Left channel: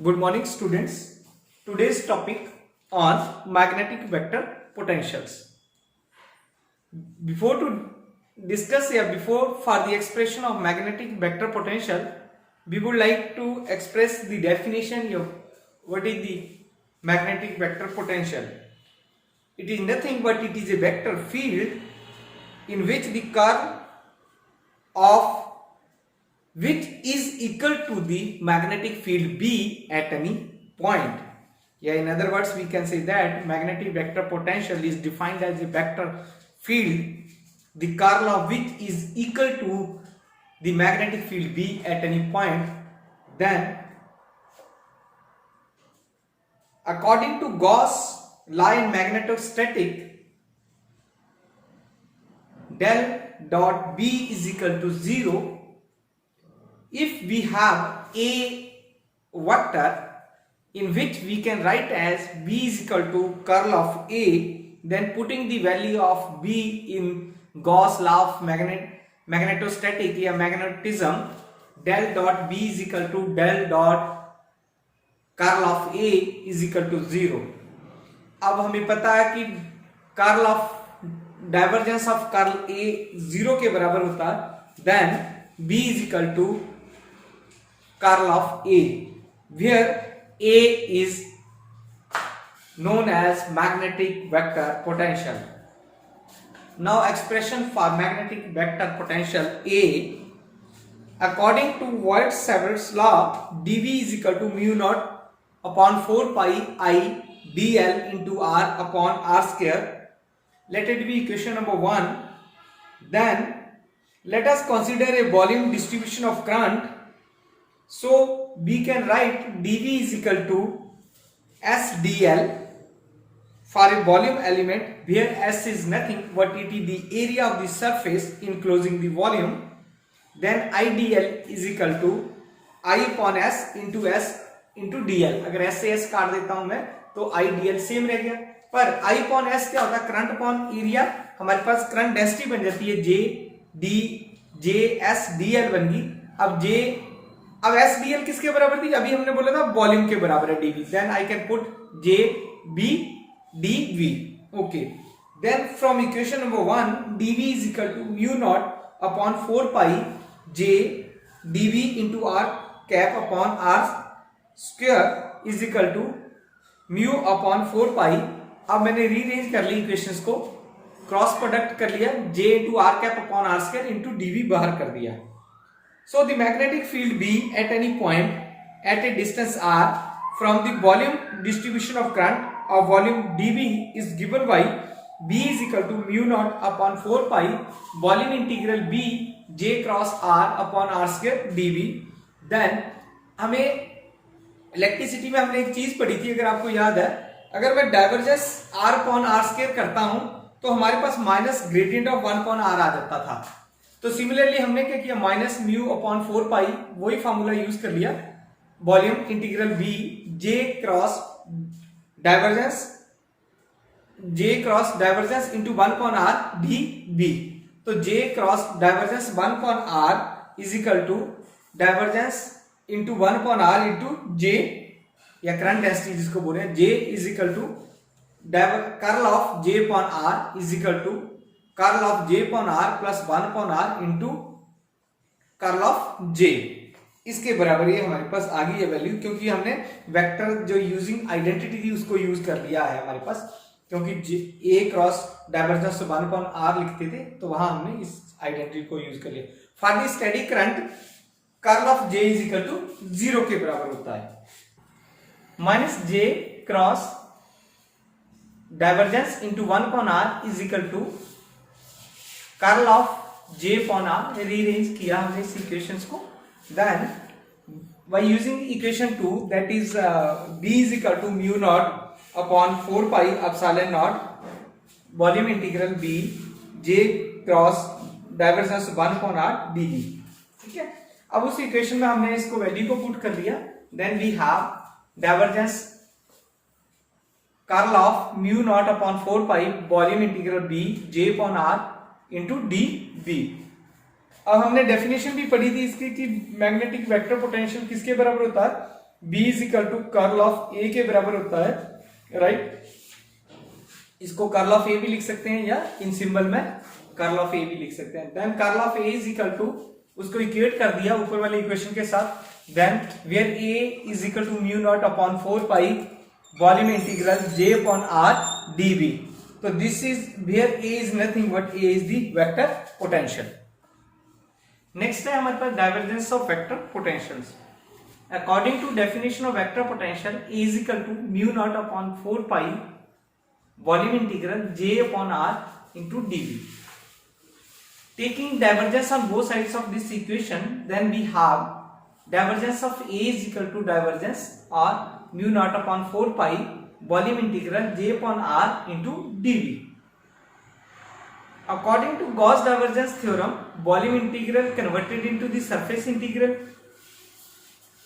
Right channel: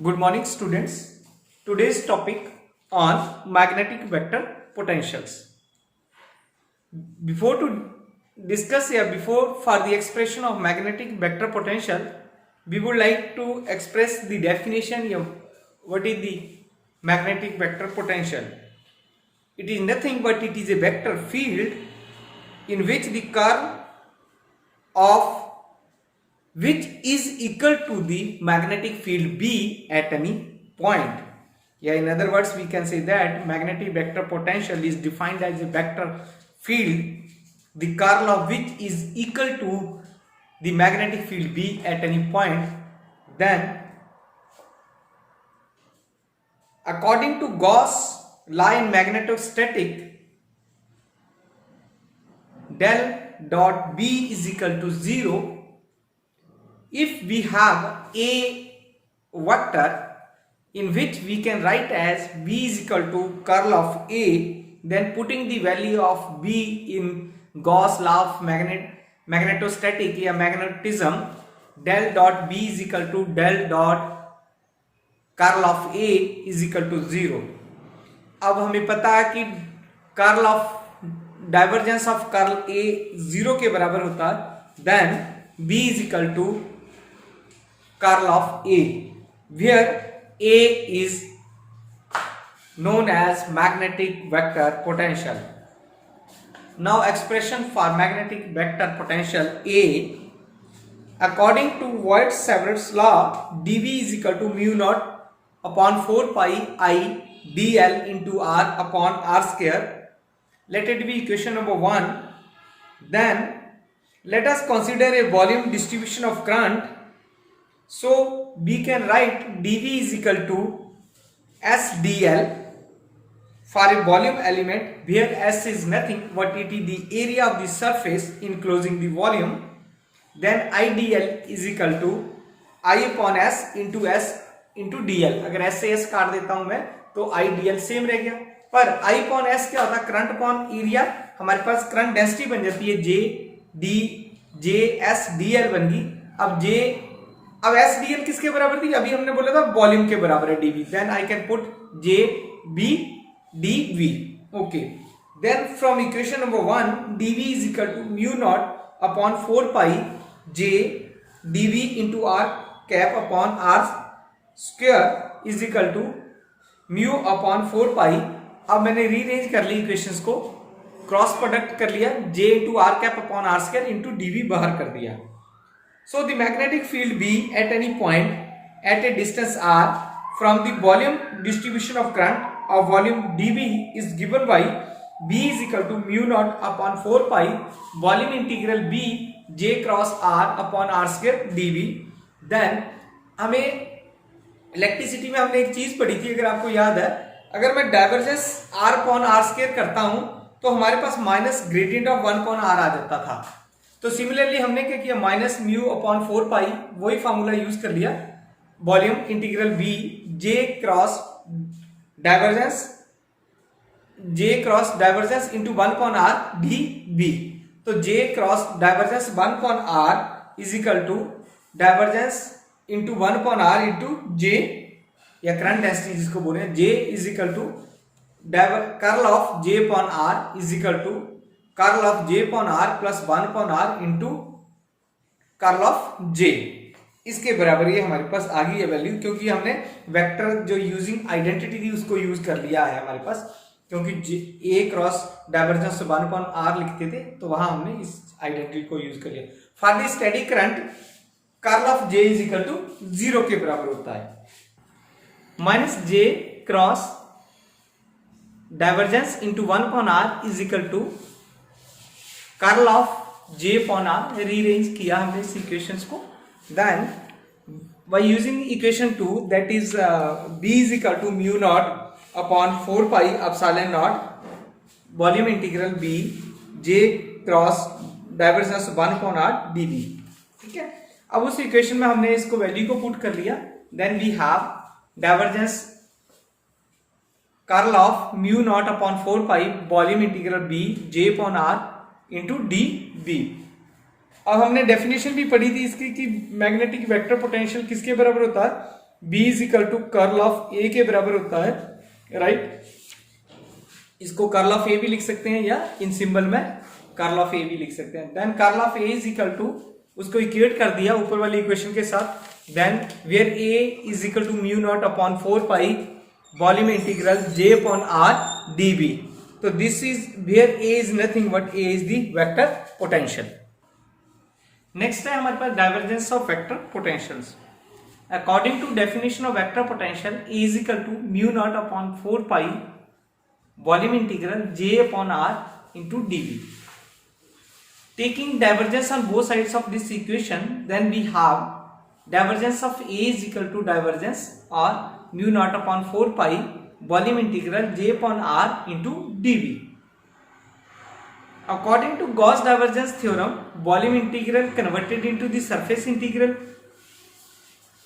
Good morning, students. Today's topic on magnetic vector potentials. Before to discuss here, before for the expression of magnetic vector potential, we would like to express the definition of what is the magnetic vector potential. It is nothing but it is a vector field in which the curl of which is equal to the magnetic field B at any point. Yeah, in other words, we can say that magnetic vector potential is defined as a vector field, the curl of which is equal to the magnetic field B at any point. Then, according to Gauss law in magnetostatic, del dot B is equal to 0 if we have a vector in which we can write as B is equal to curl of A, then putting the value of B in Gauss law of magnetostatic या magnetism, del dot B is equal to del dot curl of A is equal to 0. अब हमें पता है कि curl of divergence of curl A 0 के बराबर होता है, then B is equal to curl of A, where A is known as magnetic vector potential. Now expression for magnetic vector potential A, according to Voigt-Savart's law, dV is equal to mu naught upon 4 pi I dl into r upon r square. Let it be equation number 1. Then let us consider a volume distribution of current. So we can write dV is equal to S dl for a volume element where S is nothing but it is the area of the surface enclosing the volume. Then I dl is equal to I upon S into dl. अगर S से S काट देता हूं मैं तो I dl same रह गया, पर I upon S क्या होता है? Current upon area. हमारे पास करंट डेंसिटी बन जाती है J S dl बन गई. अब S dl किसके बराबर थी? अभी हमने बोला था वॉल्यूम के बराबर है dV. Then I can put J B dV. Okay. Then from equation number 1, dV is equal to mu naught upon 4 pi J dV into r cap upon r square is equal to mu upon 4 pi. अब मैंने rearrange कर ली equations को, cross product कर लिया, J into r cap upon r square into dV बाहर कर दिया. So the magnetic field B at any point at a distance r from the volume distribution of current of volume dV is given by B is equal to mu naught upon 4 pi volume integral B J cross r upon r square dV. Then हमें electricity में हमने एक चीज पढ़ी थी, अगर आपको याद है, अगर मैं divergence r upon r square करता हूं तो हमारे पास minus gradient of 1 upon r आ जाता था. तो सिमिलरली हमने क्या किया, माइनस म्यू अपॉन 4 पाई वही फॉर्मूला यूज कर लिया, volume integral B J cross divergence into 1 upon R D B. तो J cross divergence 1 upon R is equal to divergence into 1 upon R into J, या current density जिसको बोले, J is equal to curl of J upon R is equal to curl of J upon R plus 1 upon R into curl of J. इसके बराबर ये हमारे पास आ गई है value, क्योंकि हमने वेक्टर जो यूजिंग आइडेंटिटी थी उसको यूज कर लिया है हमारे पास, क्योंकि ए क्रॉस डाइवर्जेंस 1 अपॉन आर लिखते थे तो वहां हमने इस आइडेंटिटी को यूज कर लिया. For the steady current curl of J is equal to 0 के बराबर होता है. Minus J cross divergence into 1 upon R is equal to curl of J upon R. Rearrange किया हमने इस इक्वेशंस को. Then by using equation 2, that is B is equal to mu naught upon 4 pi epsilon naught volume integral B J cross divergence 1 upon R dV. ठीक है, अब उस equation में हमने इसको वैल्यू को पुट कर लिया. Then we have divergence curl of mu naught upon 4 pi volume integral B J upon R into d B. अब हमने डेफिनेशन भी पढ़ी थी इसकी कि मैग्नेटिक वेक्टर पोटेंशियल किसके बराबर होता है? B is equal to curl of A के बराबर होता है, राइट। इसको कर्ल ऑफ ए भी लिख सकते हैं या इन सिंबल में कर्ल ऑफ ए भी लिख सकते हैं। Then curl of A is equal to, उसको इक्वेट कर दिया ऊपर वाले इक्वेशन के साथ। Then where A is equal to mu naught upon 4 pi volume integral j upon r dv। तो this is where a is nothing but a is the vector potential. Next है हमारे पास divergence of vector potentials. According to definition of vector potential, A is equal to mu naught upon 4 pi volume integral j upon r into dv। Taking divergence on both sides of this equation, then we have divergence of A is equal to divergence or mu naught upon 4 pi volume integral j upon r into dv। According to Gauss divergence theorem, volume integral converted into the surface integral,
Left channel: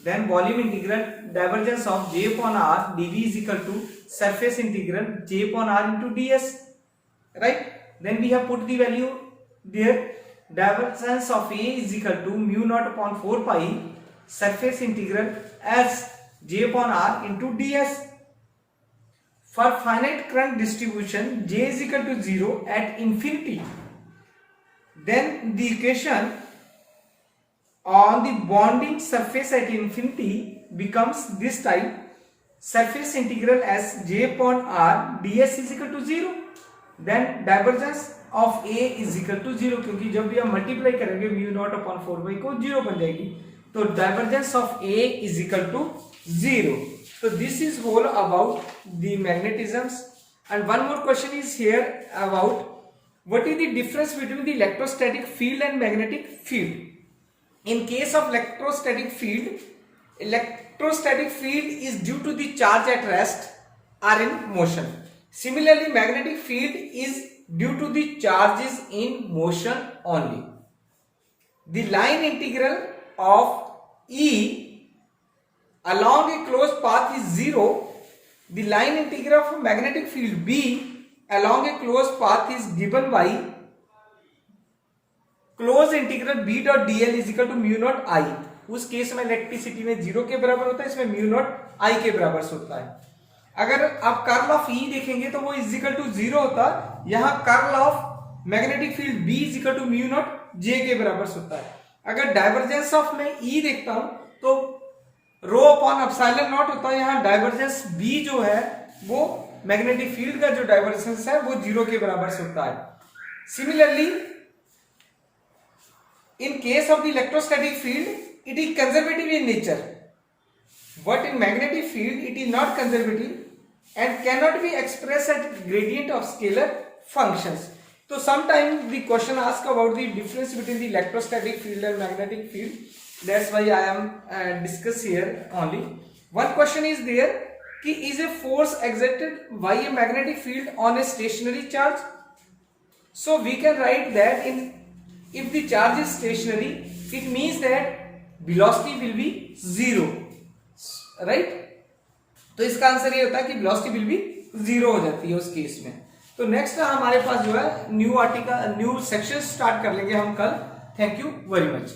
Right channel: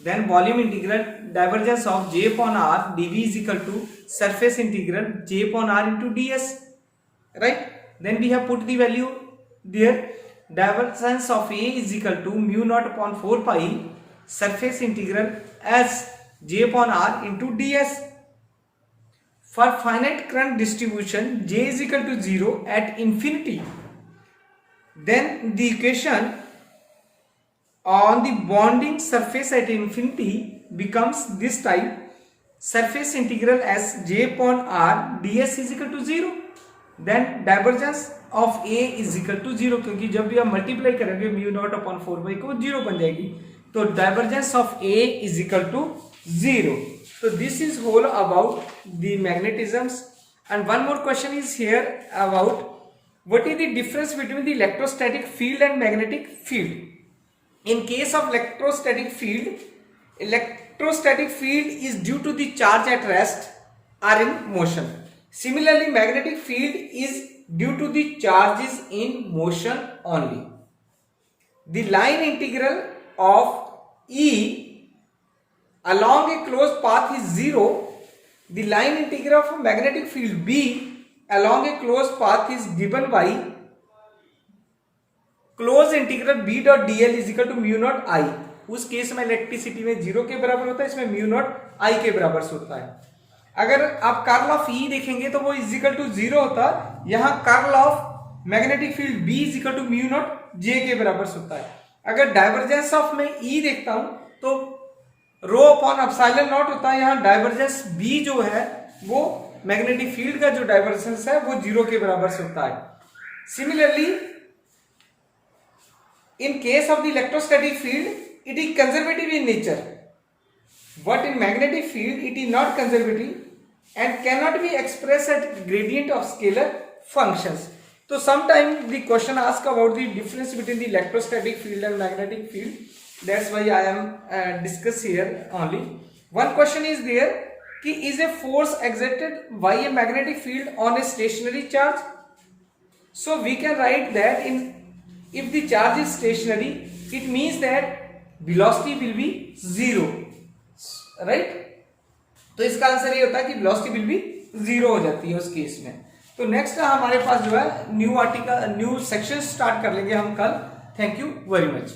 then volume integral divergence of j upon r dv is equal to surface integral j upon r into ds, right? Then we have put the value there. Divergence of A is equal to mu naught upon 4 pi surface integral as j upon r into ds। For finite current distribution, j is equal to 0 at infinity, then the equation on the bonding surface at infinity becomes this type: surface integral as j upon r ds is equal to 0। Then divergence of A is equal to 0, क्योंकि जब भी हम multiply करेंगे mu naught upon 4 पाई को 0 बन जाएगी, तो divergence of A is equal to 0। तो this is whole about the magnetisms. And one more question is here about what is the difference between the electrostatic field and magnetic field. In case of electrostatic field is due to the charge at rest or in motion. Similarly, magnetic field is due to the charges in motion only. The line integral of E along a closed path is 0. The line integral of magnetic field B along a closed path is given by closed integral B dot dl is equal to mu naught I। उस case में electricity में 0 के बराबर होता है, इसमें mu naught I के बराबर होता है। अगर आप कर्ल ऑफ E देखेंगे तो वो इज इक्वल टू 0 होता है। यहाँ curl of magnetic field B is equal to mu naught J के बराबर होता है। अगर डाइवर्जेंस ऑफ में E देखता हूं तो रो अपॉन एप्सिलॉन नॉट होता है। यहाँ डाइवर्जेंस B जो है वो मैग्नेटिक फील्ड का जो डाइवर्जेंस है वो 0 के बराबर होता है। Similarly in case of the electrostatic field it is conservative in nature, but in magnetic field it is not conservative and cannot be expressed as gradient of scalar functions। So sometimes the question asks about the difference between the electrostatic field and magnetic field, that's why I am discuss here only। One question is there कि is a force exerted by a magnetic field on a stationary charge? So we can write that if the charge is stationary it means that velocity will be 0, right. तो इसका answer ये होता है कि velocity will be 0 हो जाती है उस केस में। तो नेक्स्ट हमारे पास जो है न्यू सेक्शन स्टार्ट कर लेंगे हम कल। Thank you very much.